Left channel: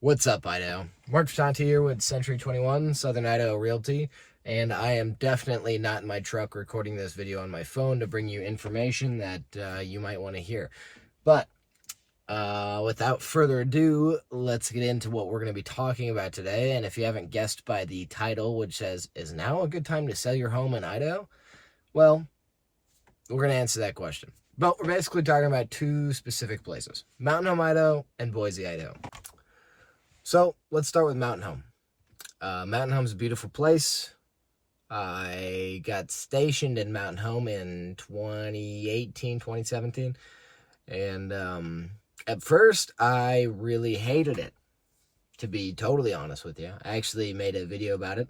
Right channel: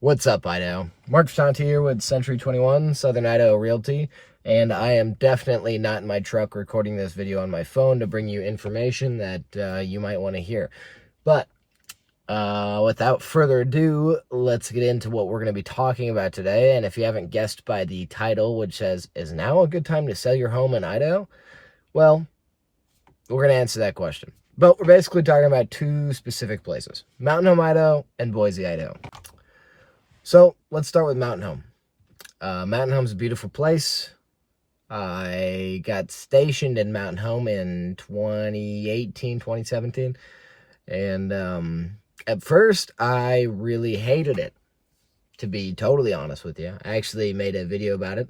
What's up, Idaho? Mark Shanti here with Century 21 Southern Idaho Realty, and I am definitely not in my truck recording this video on my phone to bring you information that you might want to hear. But without further ado, let's get into what we're going to be talking about today. And if you haven't guessed by the title, which says, "Is now a good time to sell your home in Idaho?" Well, we're going to answer that question. But we're basically talking about two specific places, Mountain Home, Idaho, and Boise, Idaho. So let's start with Mountain Home. Mountain Home's a beautiful place. I got stationed in Mountain Home in 2018, 2017. And at first, I really hated it, to be totally honest with you. I actually made a video about it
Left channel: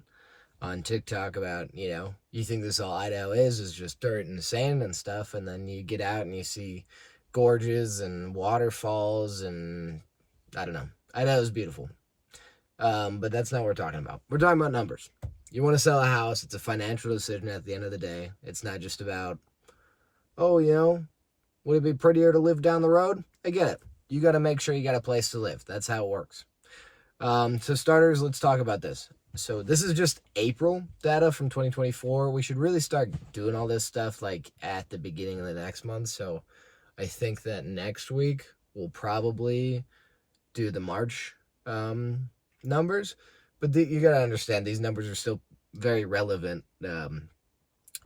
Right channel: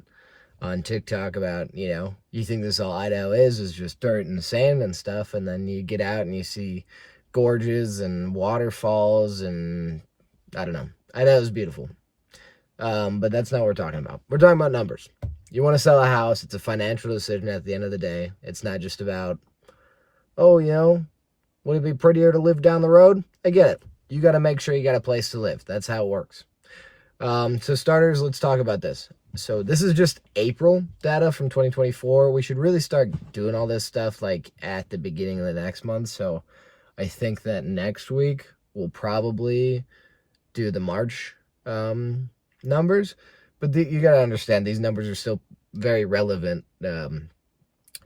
on TikTok about, you think this all Idaho is just dirt and sand and stuff. And then you get out and you see gorges and waterfalls and I don't know. Idaho's beautiful. But that's not what we're talking about. We're talking about numbers. You want to sell a house. It's a financial decision at the end of the day. It's not just about, oh, would it be prettier to live down the road? I get it. You got to make sure you got a place to live. That's how it works. So starters, let's talk about this. So this is just April data from 2024. We should really start doing all this stuff like at the beginning of the next month. So I think that next week we'll probably do the March numbers, but you got to understand these numbers are still very relevant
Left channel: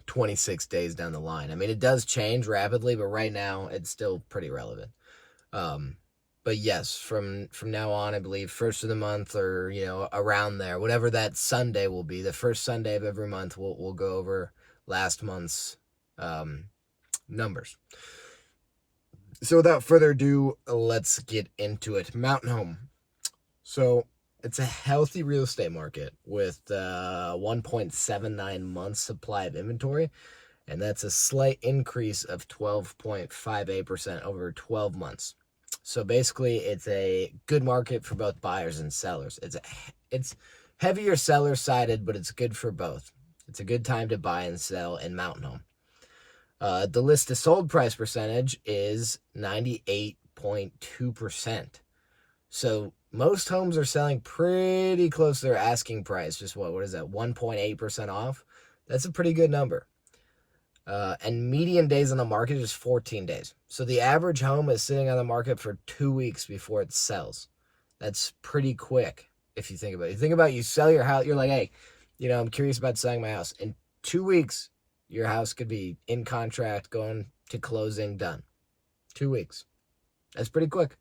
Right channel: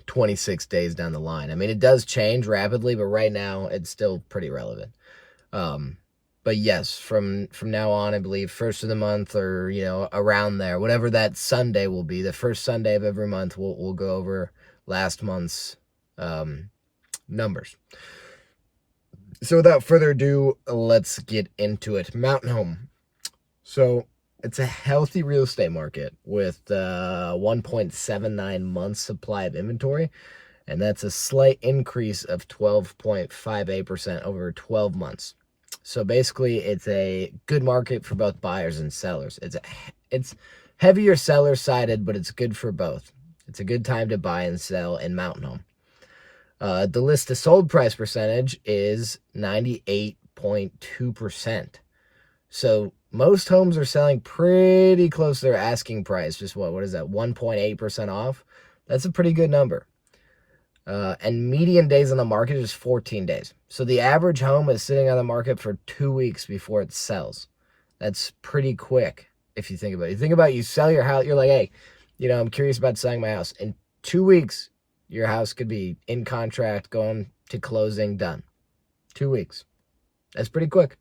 26 days down the line. I mean, it does change rapidly, but right now it's still pretty relevant. But yes, from now on, I believe first of the month or, around there, whatever that Sunday will be, the first Sunday of every month, we'll go over last month's numbers. So without further ado, let's get into it. Mountain Home. So it's a healthy real estate market with 1.79 months supply of inventory, and that's a slight increase of 12.58% over 12 months. So basically, it's a good market for both buyers and sellers. It's heavier seller-sided, but it's good for both. It's a good time to buy and sell in Mountain Home. The list to sold price percentage is 98.2%. So most homes are selling pretty close to their asking price. Just what is that, 1.8% off? That's a pretty good number. And median days on the market is 14 days. So the average home is sitting on the market for 2 weeks before it sells. That's pretty quick if you think about it. You sell your house, you're like, hey, I'm curious about selling my house. In 2 weeks, your house could be in contract, going to closing, done. 2 weeks. That's pretty quick.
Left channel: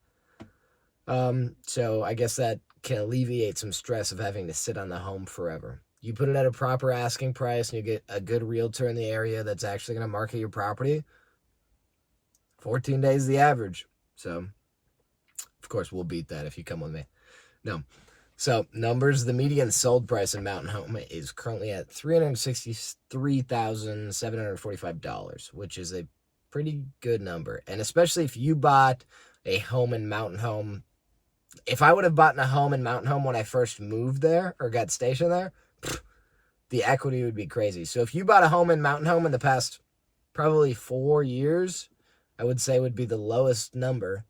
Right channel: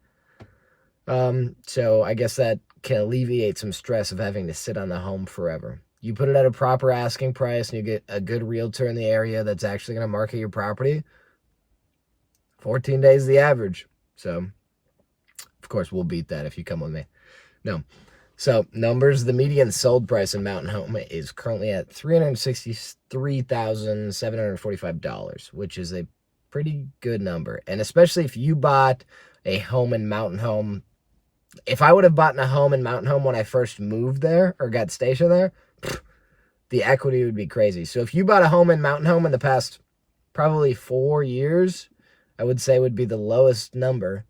So I guess that can alleviate some stress of having to sit on the home forever. You put it at a proper asking price and you get a good realtor in the area that's actually going to market your property. 14 days is the average. So, of course, we'll beat that if you come with me. No. So, numbers, the median sold price in Mountain Home is currently at $363,745, which is a pretty good number. And especially if you bought a home in Mountain Home. If I would have bought a home in Mountain Home when I first moved there or got stationed there, the equity would be crazy. So if you bought a home in Mountain Home in the past probably 4 years, I would say would be the lowest number.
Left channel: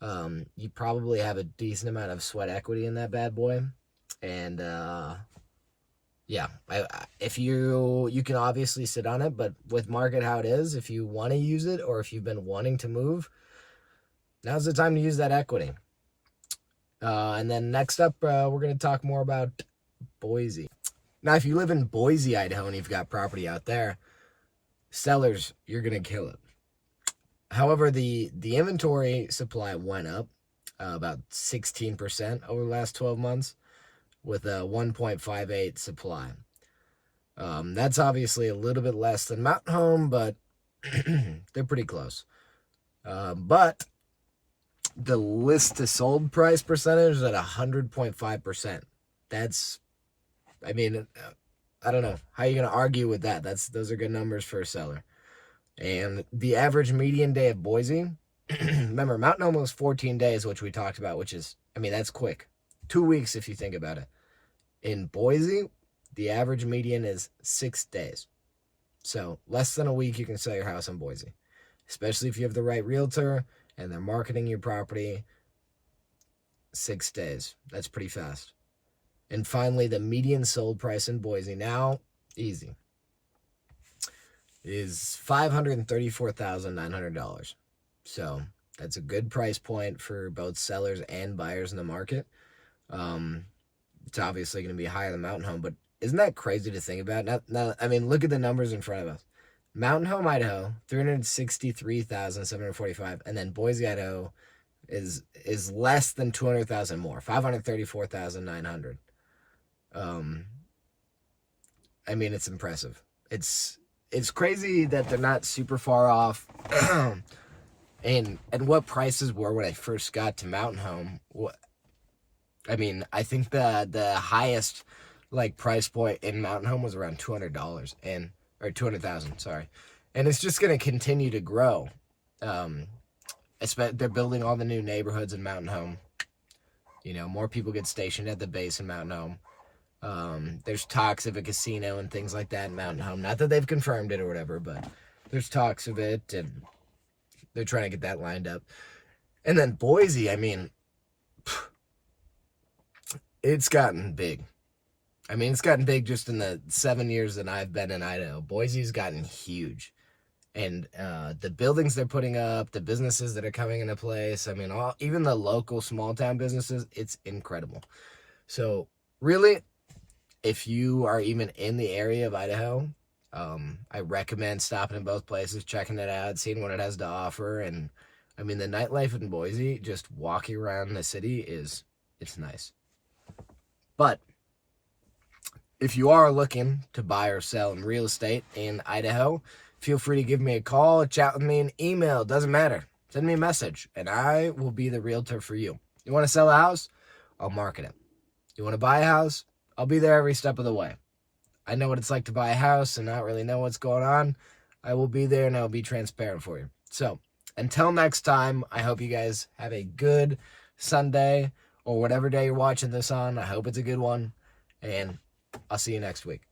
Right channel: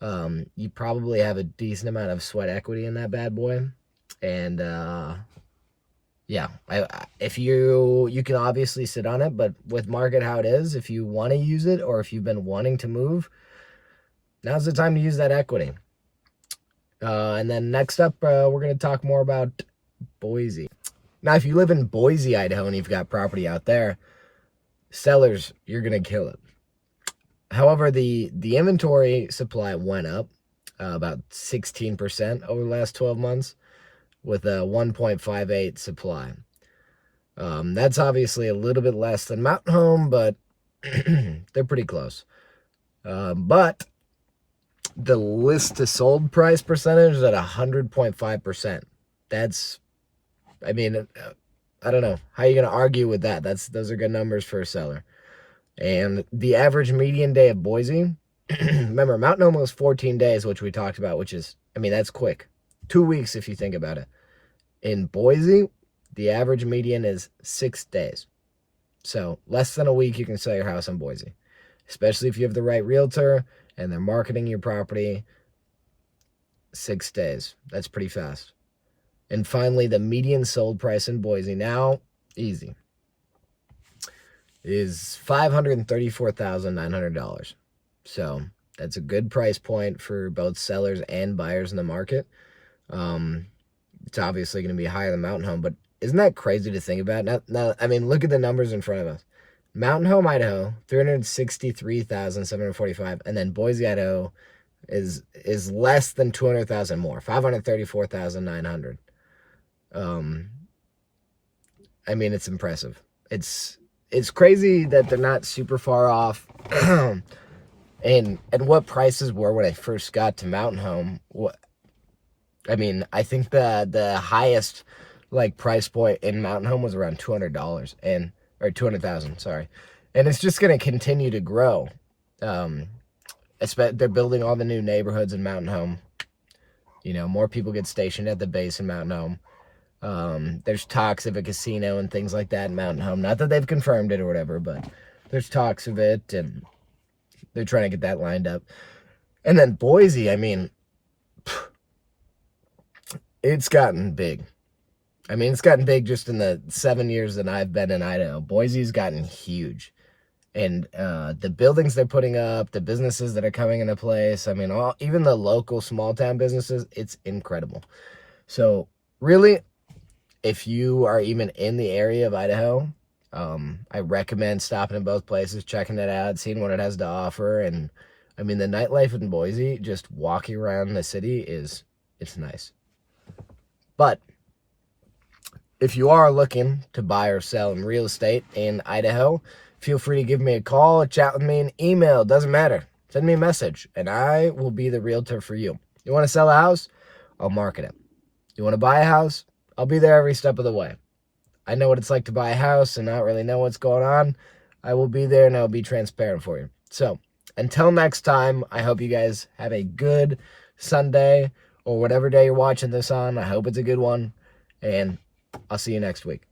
You probably have a decent amount of sweat equity in that bad boy. And yeah, if you can obviously sit on it, but with market how it is, if you want to use it or if you've been wanting to move, now's the time to use that equity. And then next up, we're going to talk more about Boise. Now, if you live in Boise, Idaho, and you've got property out there, sellers, you're going to kill it. However, the inventory supply went up about 16% over the last 12 months with a 1.58 supply. That's obviously a little bit less than Mountain Home, but they're pretty close. But the list to sold price percentage is at 100.5%. That's, I mean, I don't know. How are you going to argue with that? Those are good numbers for a seller. And the average median day of Boise, remember, Mountain Home was 14 days, which we talked about, which is, that's quick. 2 weeks if you think about it. In Boise, the average median is 6 days. So less than a week you can sell your house in Boise, especially if you have the right realtor and they're marketing your property. 6 days. That's pretty fast. And finally, the median sold price in Boise now, easy, is $534,900. So that's a good price point for both sellers and buyers in the market. It's obviously going to be higher than Mountain Home, but isn't that crazy to think about? Now, I mean, look at the numbers in front of us. Mountain Home, Idaho, 363,745, and then Boise, Idaho, is less than 200,000 more, 534,900. I mean, it's impressive. It's crazy that they're not super far off. and what prices were when I first got to Mountain Home. I mean, I think the highest like price point in Mountain Home was around $200 or 200,000, sorry. And it's just going to continue to grow. They're building all the new neighborhoods in Mountain Home. You know, more people get stationed at the base in Mountain Home. There's talks of a casino and things like that in Mountain Home. Not that they've confirmed it or whatever, but there's talks of it, and they're trying to get that lined up. And then Boise, I mean, it's gotten big. I mean, it's gotten big just in the 7 years that I've been in Idaho. Boise's gotten huge. And the buildings they're putting up, the businesses that are coming into place, I mean, even the local small town businesses, it's incredible. So really, if you are even in the area of Idaho, I recommend stopping in both places, checking it out, seeing what it has to offer. And I mean, the nightlife in Boise, just walking around the city it's nice. But if you are looking to buy or sell in real estate in Idaho, feel free to give me a call, chat with me, an email, doesn't matter. Send me a message, and I will be the realtor for you. You want to sell a house? I'll market it. You want to buy a house? I'll be there every step of the way. I know what it's like to buy a house and not really know what's going on. I will be there, and I will be transparent for you. So until next time, I hope you guys have a good Sunday or whatever day you're watching this on. I hope it's a good one, and I'll see you next week.